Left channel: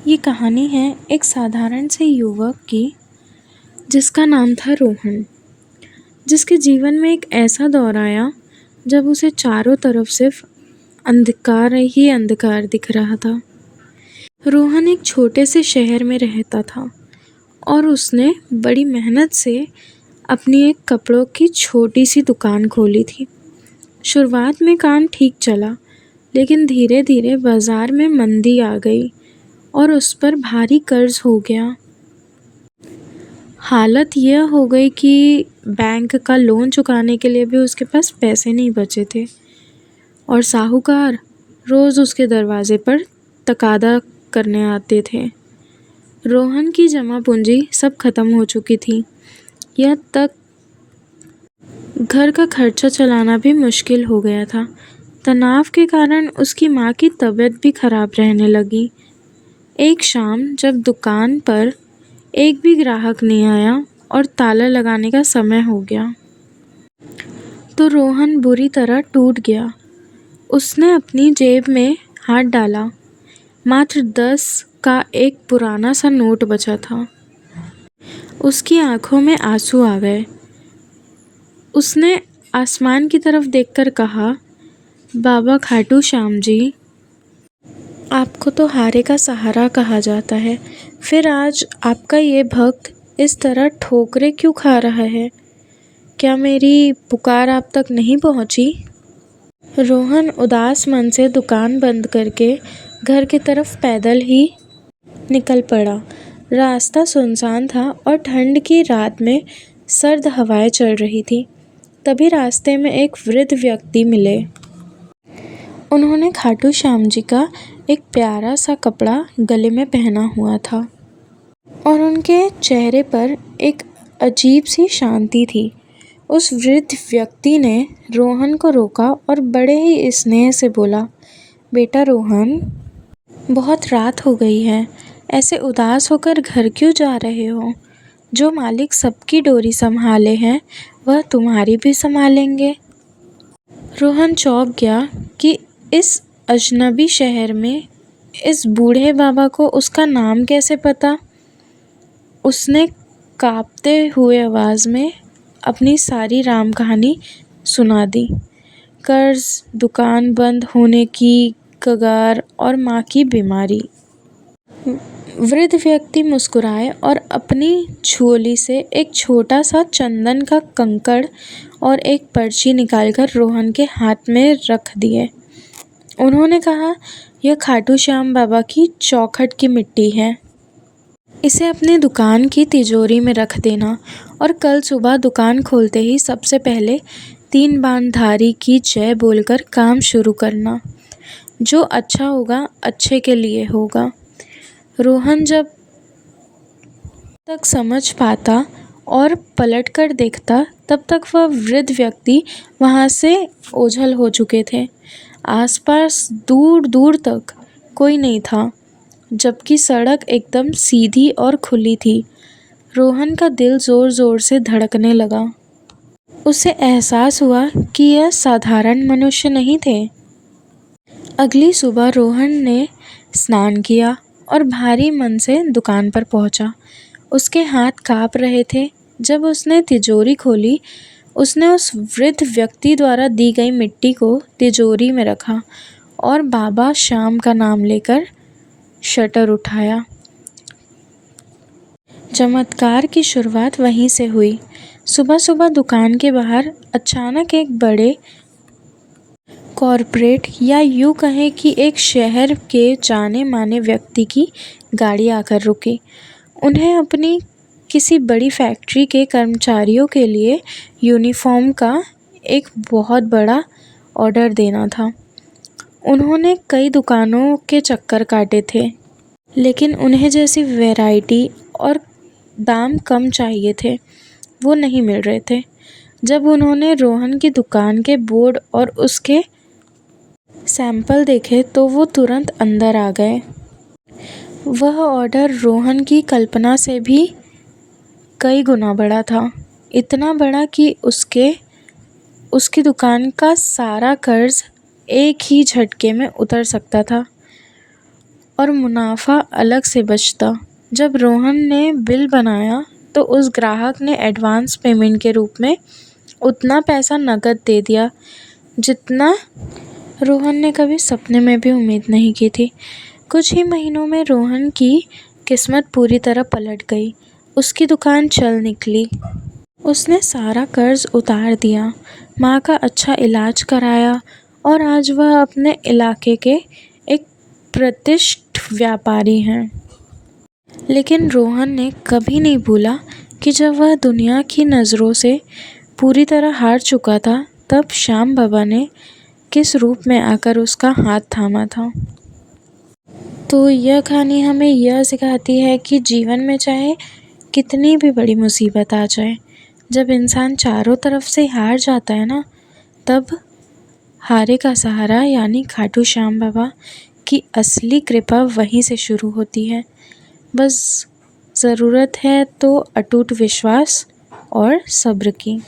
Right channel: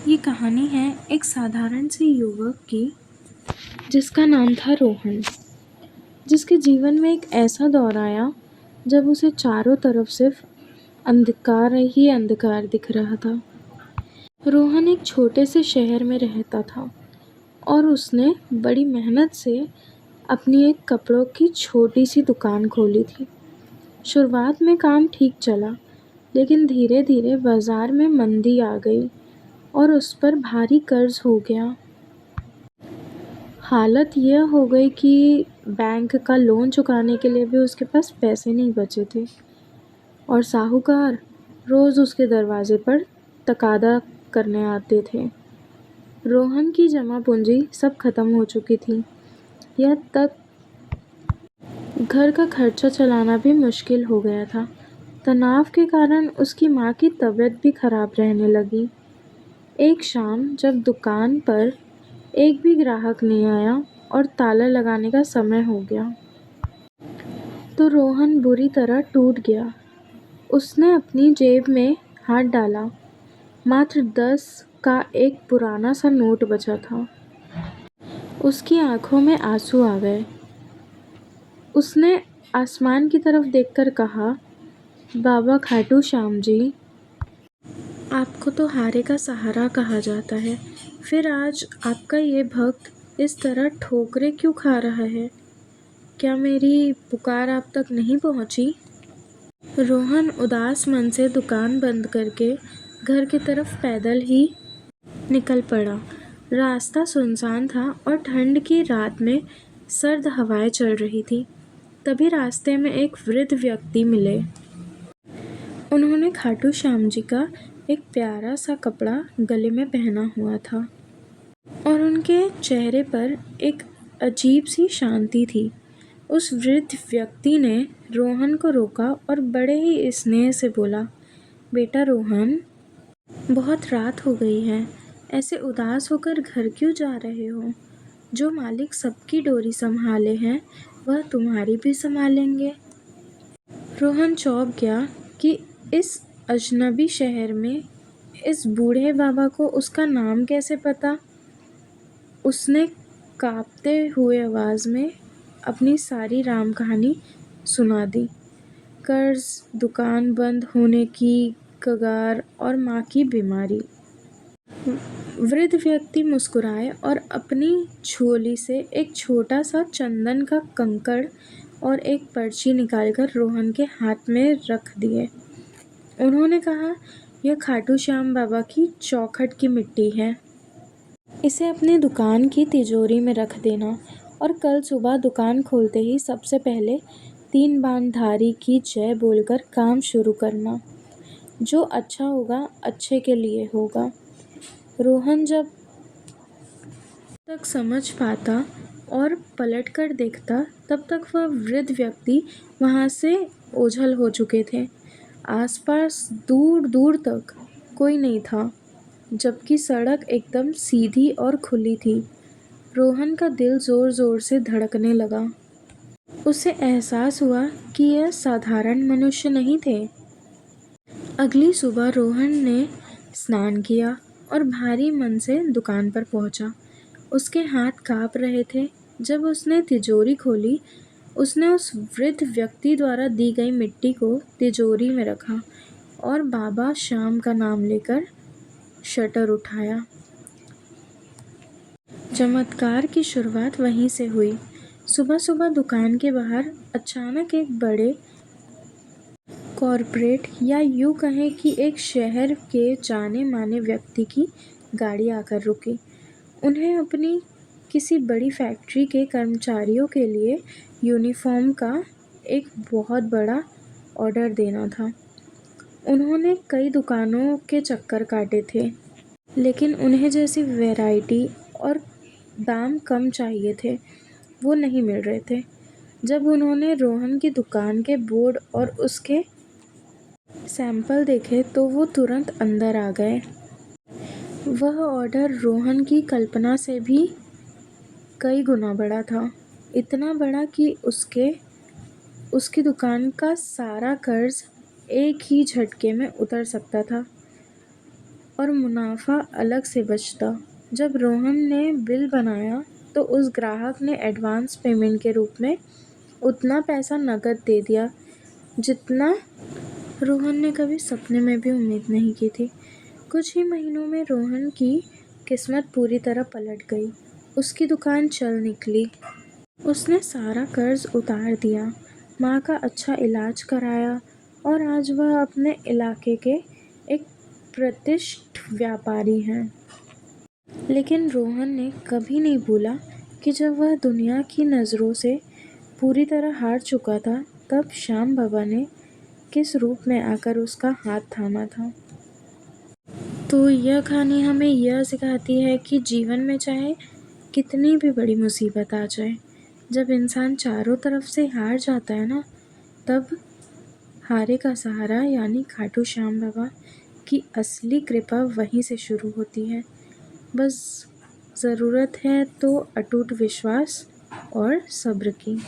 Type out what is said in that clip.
ये कहानी है एक साधारण से युवक की जिसका नाम था रोहन, जिसके जीवन में एक ऐसा दौर आया जब उसे चारों तरफ सिर्फ अंधकार ही अंधकार दिख रहा था। रोहन एक छोटे से शहर में रहता था और उसने बड़ी मेहनत से अपनी एक कपड़ों की छोटी सी दुकान खोली थी। शुरुआत में काम ठीक चला, लेकिन धीरे धीरे बाजार में मंदी आ गई और उस पर भारी कर्ज हो गया। हालत यह हो गई कि बैंक का लोन चुकाने के लिए भी उसके पास पैसे नहीं बचे थे और साहूकार रोज़ उसके दरवाजे पर तकादा करने आते थे। रोहन की जमा पूंजी सब खत्म हो चुकी थी। यह तक घर का खर्चा चलाना भी मुश्किल हो गया था। तनाव के कारण उसकी माँ की तबीयत भी खराब रहने लगी। एक शाम जब दुकान पर एक भी ग्राहक नहीं आया और ताला लगाने का समय हो गया, तो रोहन बुरी तरह टूट गया। उसने अपनी जेब में हाथ डाला। मात्र 10 का एक पुराना सा नोट बचा था। उसकी आंखों में आंसू आ गए। उसने आसमान की तरफ देखकर कहा, बाबा खाटू श्याम जी, आपको तो हारे का सहारा कहा जाता है, फिर आज आपका ये भक्त इस तरह ठोकरें क्यों खा रहा है? क्या मेरी पुकार आप तक नहीं पहुंची? रोहन उदास मन से दुकान बंद करके घर की तरफ पैदल ही निकल पड़ा। रास्ता सुनसान था और ठंड की रात में सर्द हवाएं चल रही थी। तभी रास्ते में एक वृद्ध व्यक्ति मिले। उन्होंने खाटू श्याम जी का एक प्यारा सा कपड़ा गले में पहना हुआ था और उनके चेहरे पर एक अजीब सी शांति थी। उस वृद्ध व्यक्ति ने रोहन को रोका और बड़े ही स्नेह से बोला, बेटा रोहन, बहुत रात हो गई है, ऐसे उदास होकर घर क्यों जा रहे हो? जो मालिक सबकी डोरी संभाले हैं वह तुम्हारी भी संभालेंगे। रोहन चौंक गया कि इस अजनबी शहर में इस बूढ़े बाबा को उसका नाम कैसे पता। उसने कांपते हुए आवाज़ में अपनी सारी राम कहानी सुना दी। कर्ज, दुकान बंद होने की कगार और माँ की बीमारी। वृद्ध व्यक्ति मुस्कुराए और अपनी झोली से एक छोटा सा चंदन का कंकड़ और एक पर्ची निकालकर रोहन के हाथ में रख दिए। उन्होंने कहा, यह खाटू श्याम बाबा की चौखट की मिट्टी है। इसे अपनी दुकान की तिजोरी में रख देना और कल सुबह दुकान खोलते ही सबसे पहले 3 बाणधारी की जय बोलकर काम शुरू करना। जो अच्छा होगा अच्छे के लिए होगा। रोहन जब तक समझ पाता और पलटकर देखता, तब तक वह वृद्ध व्यक्ति वहाँ से ओझल हो चुके थे। आसपास दूर दूर तक कोई नहीं था, जबकि सड़क एकदम सीधी और खुली थी। रोहन का दिल जोर जोर से धड़कने लगा। उसे एहसास हुआ कि यह साधारण मनुष्य नहीं थे। अगली सुबह रोहन ने स्नान किया और भारी मन से दुकान पर पहुंचा। उसके हाथ कांप रहे थे। जब उसने तिजोरी खोली, उसने उस वृद्ध व्यक्ति द्वारा दी गई मिट्टी को तिजोरी में रखा और बाबा श्याम का नाम लेकर शटर उठाया। चमत्कार की शुरुआत वहीं से हुई। सुबह सुबह दुकान के बाहर अचानक एक बड़े कॉरपोरेट या यूँ कहें कि एक शहर के जाने माने व्यक्ति की गाड़ी आकर रुकी। उन्हें अपनी किसी बड़ी फैक्ट्री के कर्मचारियों के लिए यूनिफॉर्म का एक बहुत बड़ा ऑर्डर देना था। उन्होंने कई दुकानों के चक्कर काटे थे, लेकिन उन्हें जैसी वैरायटी और दाम कम चाहिए थे वो नहीं मिल रहे थे। जब उन्होंने रोहन की दुकान के बोर्ड और उसके सैंपल देखे तो वो तुरंत अंदर आ गए। वह ऑर्डर रोहन की कल्पना से भी कई गुना बड़ा था। इतना बड़ा कि उसकी दुकान का सारा कर्ज एक ही झटके में उतर सकता था और मुनाफा अलग से बचता। जब रोहन ने बिल बनाया तो उस ग्राहक ने एडवांस पेमेंट के रूप में उतना पैसा नकद दे दिया जितना रोहन ने कभी सपने में भी उम्मीद नहीं की थी। कुछ ही महीनों में रोहन की किस्मत पूरी तरह पलट गई। उसकी दुकान चल निकली। उसने सारा कर्ज उतार दिया, माँ का अच्छा इलाज कराया और आज वह अपने इलाके के एक प्रतिष्ठित व्यापारी हैं। लेकिन रोहन ने कभी नहीं भूला कि जब वह दुनिया की नज़रों से पूरी तरह हार चुका था, तब श्याम बाबा ने किस रूप में आकर उसका हाथ थामा था। तो यह कहानी हमें यह सिखाती है कि जीवन में चाहे कितनी भी बड़ी मुसीबत आ जाए, जब इंसान चारों तरफ से हार जाता है ना, तब हारे का सहारा यानी खाटू श्याम बाबा की असली कृपा वहीं से शुरू होती है। बस ज़रूरत है तो अटूट विश्वास और सब्र की।